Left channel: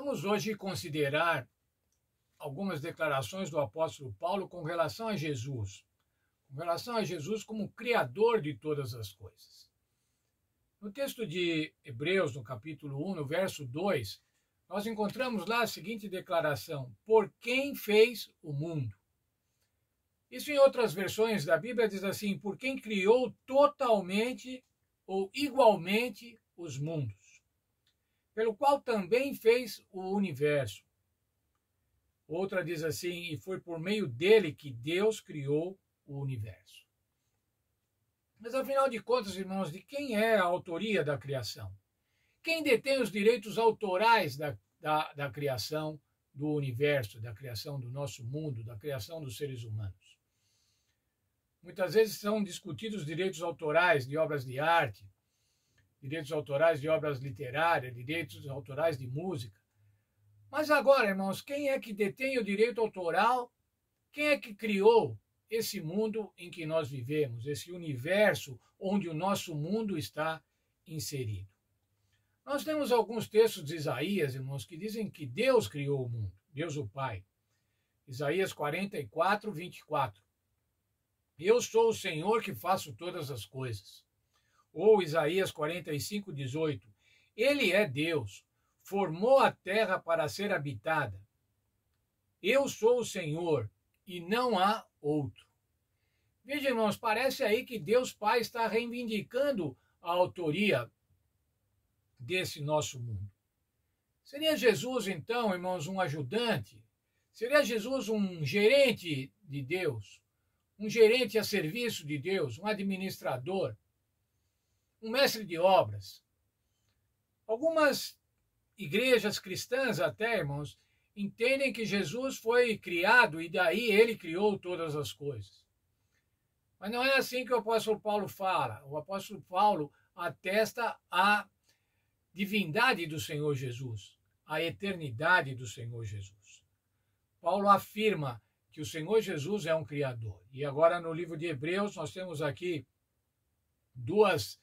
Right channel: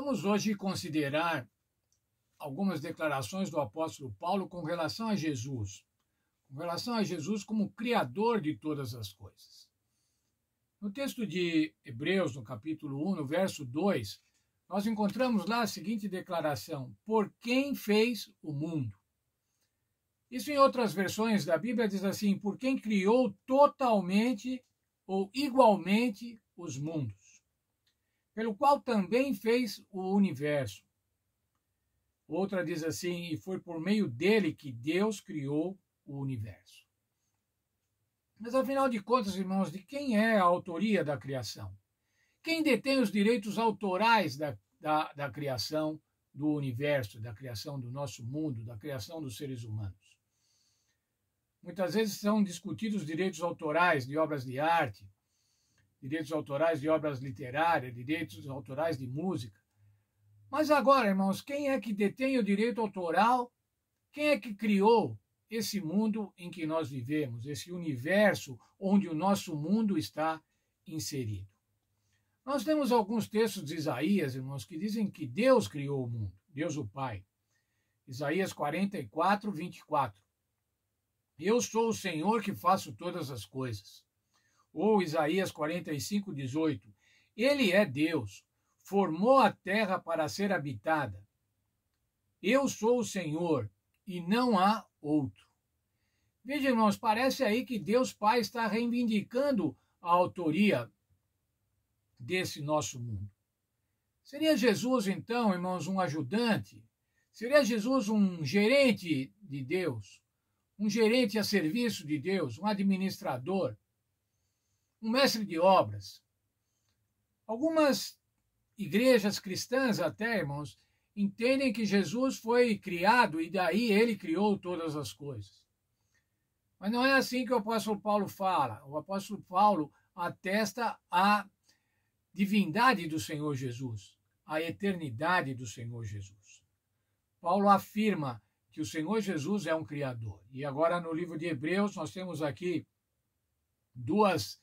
Vamos hoje considerar algumas declarações do apóstolo Paulo com relação a Jesus. Com relação a Jesus como Criador de todas as coisas. No texto de Hebreus, no capítulo 1, no verso 2, nós encontramos lá a seguinte declaração: por quem fez o mundo? Isso em outras versões da Bíblia diz assim: por quem criou totalmente ou igualmente os mundos, pelo qual também fez o universo. Outra diz assim: e foi por meio dele que Deus criou o universo. Mas afinal de contas, irmãos, de quem é a autoria da criação? Quem detém os direitos autorais da criação do universo, da criação do nosso mundo, da criação dos seres humanos? Muitas vezes são discutidos direitos autorais de obras de arte, direitos autorais de obras literárias, direitos autorais de música. Mas agora, irmãos, quem é que detém o direito autoral? Quem é que criou esse mundo em que nós vivemos, esse universo onde o nosso mundo está inserido? Nós temos alguns textos de Isaías, irmãos, que dizem que Deus criou o mundo, Deus o Pai. Isaías 44, 24. Eu sou o Senhor que faço todas as coisas. Ou Isaías 45, 18. Ele é Deus, formou a terra para ser habitada. Eu sou o Senhor e não há outro. Veja, irmãos, parece aí que Deus Pai está reivindicando a autoria desse nosso mundo. Seria Jesus, então, irmãos, um ajudante? Seria Jesus um gerente de Deus? Um gerente a serviço de Deus? Um administrador? Um mestre de obras? Algumas igrejas cristãs até, irmãos, entendem que Jesus foi criado e daí ele criou todas as coisas. Mas não é assim que o apóstolo Paulo fala. O apóstolo Paulo atesta a divindade do Senhor Jesus, a eternidade do Senhor Jesus. Paulo afirma que o Senhor Jesus é um criador. E agora no livro de Hebreus nós temos aqui duas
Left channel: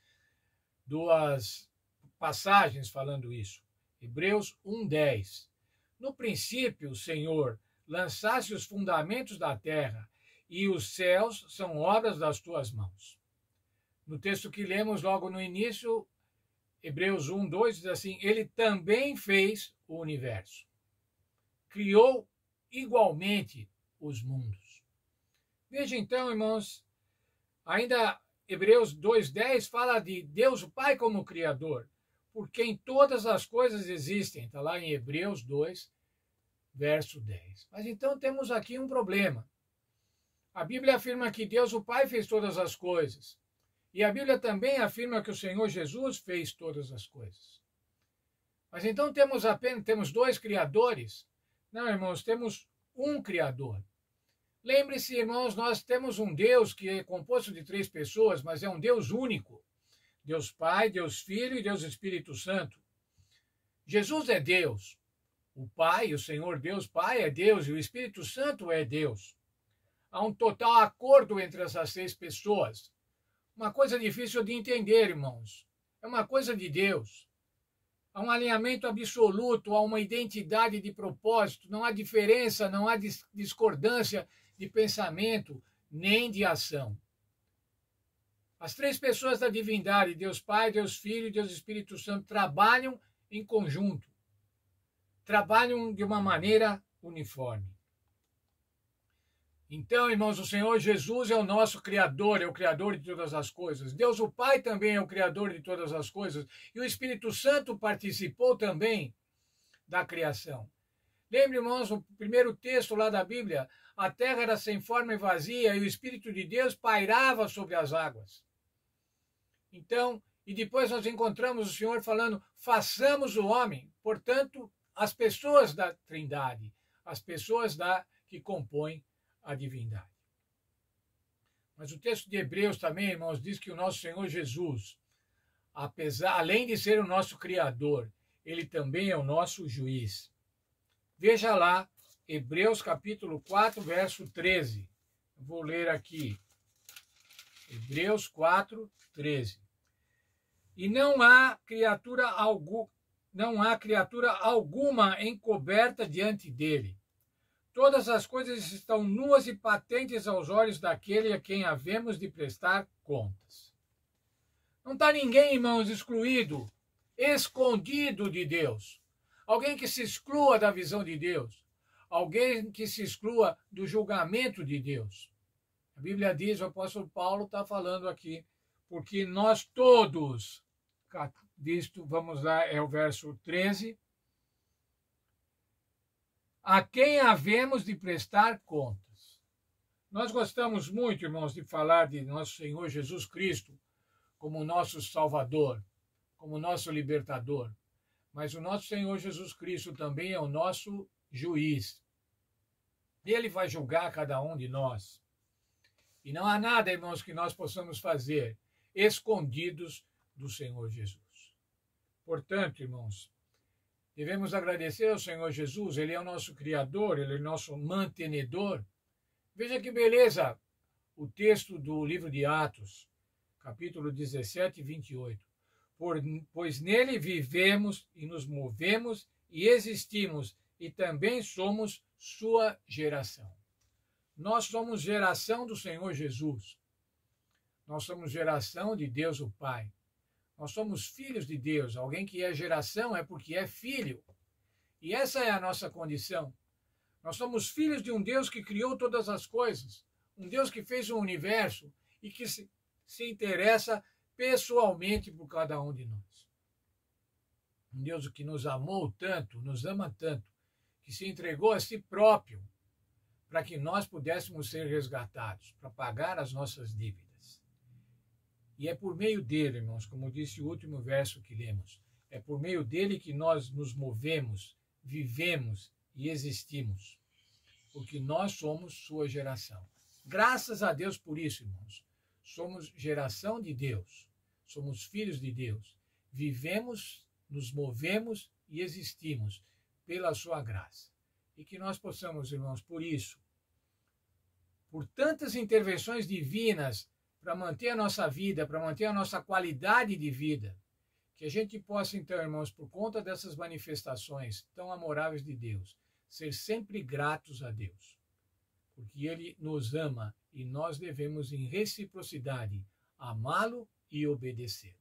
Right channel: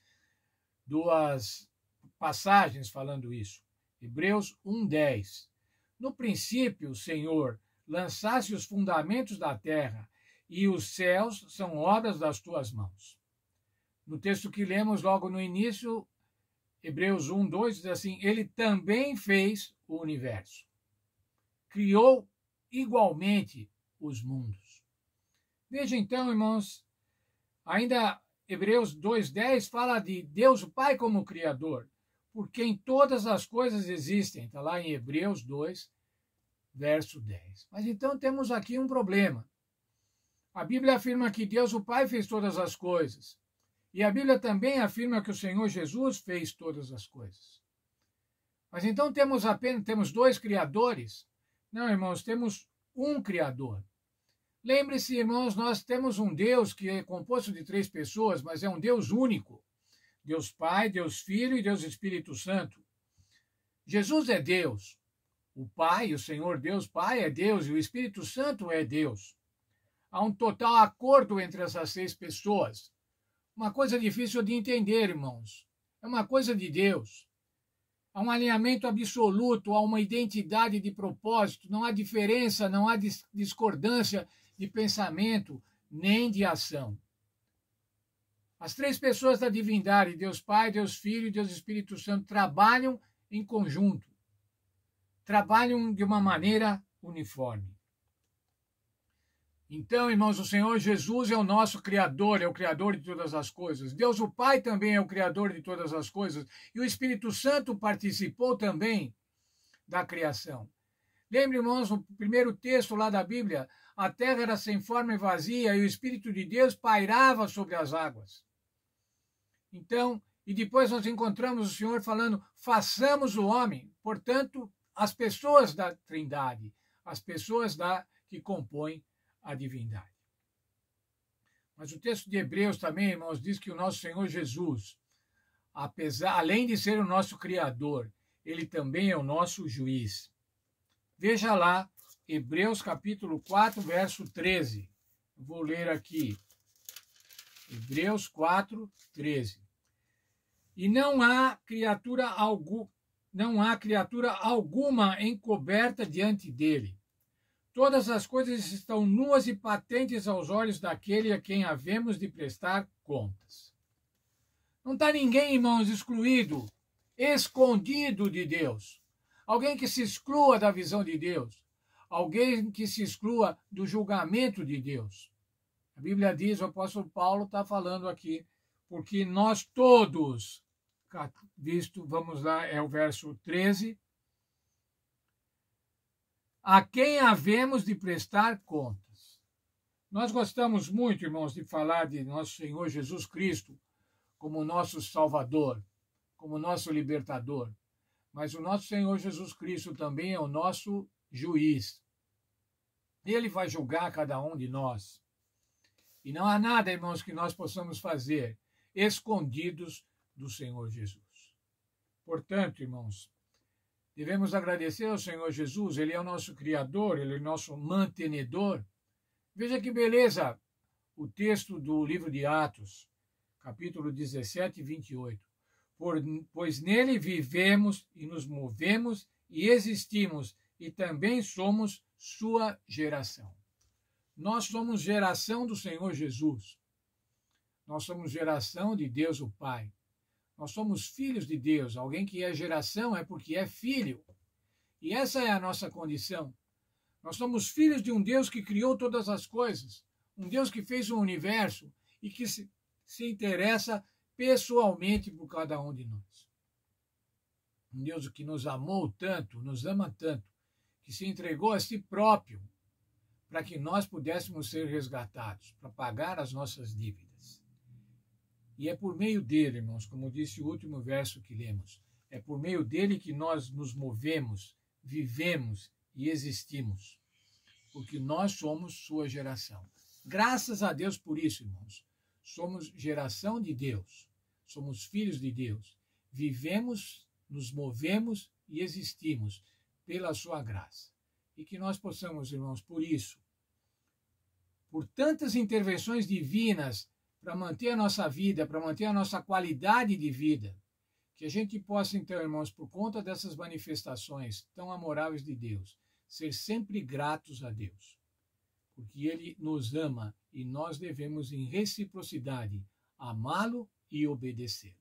passagens falando isso. Hebreus 1:10. No princípio, o Senhor, lançasse os fundamentos da terra, e os céus são obras das tuas mãos. No texto que lemos logo no início, Hebreus 1:2 diz assim: ele também fez o universo. Criou igualmente os mundos. Veja então, irmãos, ainda Hebreus 2:10 fala de Deus o Pai como Criador, por quem todas as coisas existem. Está lá em Hebreus 2, verso 10. Mas então temos aqui um problema. A Bíblia afirma que Deus o Pai fez todas as coisas. E a Bíblia também afirma que o Senhor Jesus fez todas as coisas. Mas então temos dois criadores? Não, irmãos, temos um Criador. Lembre-se, irmãos, nós temos um Deus que é composto de 3 pessoas, mas é um Deus único. Deus Pai, Deus Filho e Deus Espírito Santo. Jesus é Deus. O Pai, o Senhor Deus Pai é Deus e o Espírito Santo é Deus. Há um total acordo entre essas 3 pessoas. Uma coisa difícil de entender, irmãos. É uma coisa de Deus. Há um alinhamento absoluto, há uma identidade de propósito, não há diferença, não há discordância de pensamento, nem de ação. As 3 pessoas da divindade, Deus Pai, Deus Filho e Deus Espírito Santo, trabalham em conjunto. Trabalham de uma maneira uniforme. Então, irmãos, o Senhor Jesus é o nosso Criador, é o Criador de todas as coisas. Deus o Pai também é o Criador de todas as coisas. E o Espírito Santo participou também da criação. Lembre, irmãos, o primeiro texto lá da Bíblia, a terra era sem forma e vazia e o Espírito de Deus pairava sobre as águas. Então, e depois nós encontramos o Senhor falando, façamos o homem. Portanto, as pessoas da Trindade, as pessoas que compõem a divindade. Mas o texto de Hebreus também, irmãos, diz que o nosso Senhor Jesus, além de ser o nosso Criador, ele também é o nosso juiz. Veja lá, Hebreus capítulo 4, verso 13. Eu vou ler aqui. Hebreus 4, 13. E não há criatura não há criatura alguma encoberta diante dele. Todas as coisas estão nuas e patentes aos olhos daquele a quem havemos de prestar contas. Não está ninguém, irmãos, excluído, escondido de Deus. Alguém que se exclua da visão de Deus. Alguém que se exclua do julgamento de Deus. A Bíblia diz, o apóstolo Paulo está falando aqui, porque nós todos, visto, vamos lá, é o verso 13, a quem havemos de prestar contas. Nós gostamos muito, irmãos, de falar de nosso Senhor Jesus Cristo como nosso Salvador, como nosso Libertador. Mas o nosso Senhor Jesus Cristo também é o nosso juiz. Ele vai julgar cada um de nós. E não há nada, irmãos, que nós possamos fazer escondidos do Senhor Jesus. Portanto, irmãos, devemos agradecer ao Senhor Jesus. Ele é o nosso Criador, Ele é o nosso mantenedor. Veja que beleza o texto do livro de Atos, capítulo 17, 28. Pois nele vivemos e nos movemos e existimos e também somos sua geração. Nós somos geração do Senhor Jesus. Nós somos geração de Deus o Pai. Nós somos filhos de Deus. Alguém que é geração é porque é filho. E essa é a nossa condição. Nós somos filhos de um Deus que criou todas as coisas. Um Deus que fez o universo e que se interessa pessoalmente por cada um de nós. Um Deus que nos amou tanto, nos ama tanto, que se entregou a si próprio para que nós pudéssemos ser resgatados, para pagar as nossas dívidas. E é por meio dele, irmãos, como disse o último verso que lemos, é por meio dele que nós nos movemos, vivemos e existimos, porque nós somos sua geração. Graças a Deus por isso, irmãos. Somos geração de Deus, somos filhos de Deus, vivemos, nos movemos e existimos pela sua graça. E que nós possamos, irmãos, por isso, por tantas intervenções divinas para manter a nossa vida, para manter a nossa qualidade de vida, que a gente possa, então, irmãos, por conta dessas manifestações tão amoráveis de Deus, ser sempre gratos a Deus. Porque Ele nos ama e nós devemos, em reciprocidade, amá-lo e obedecê-lo.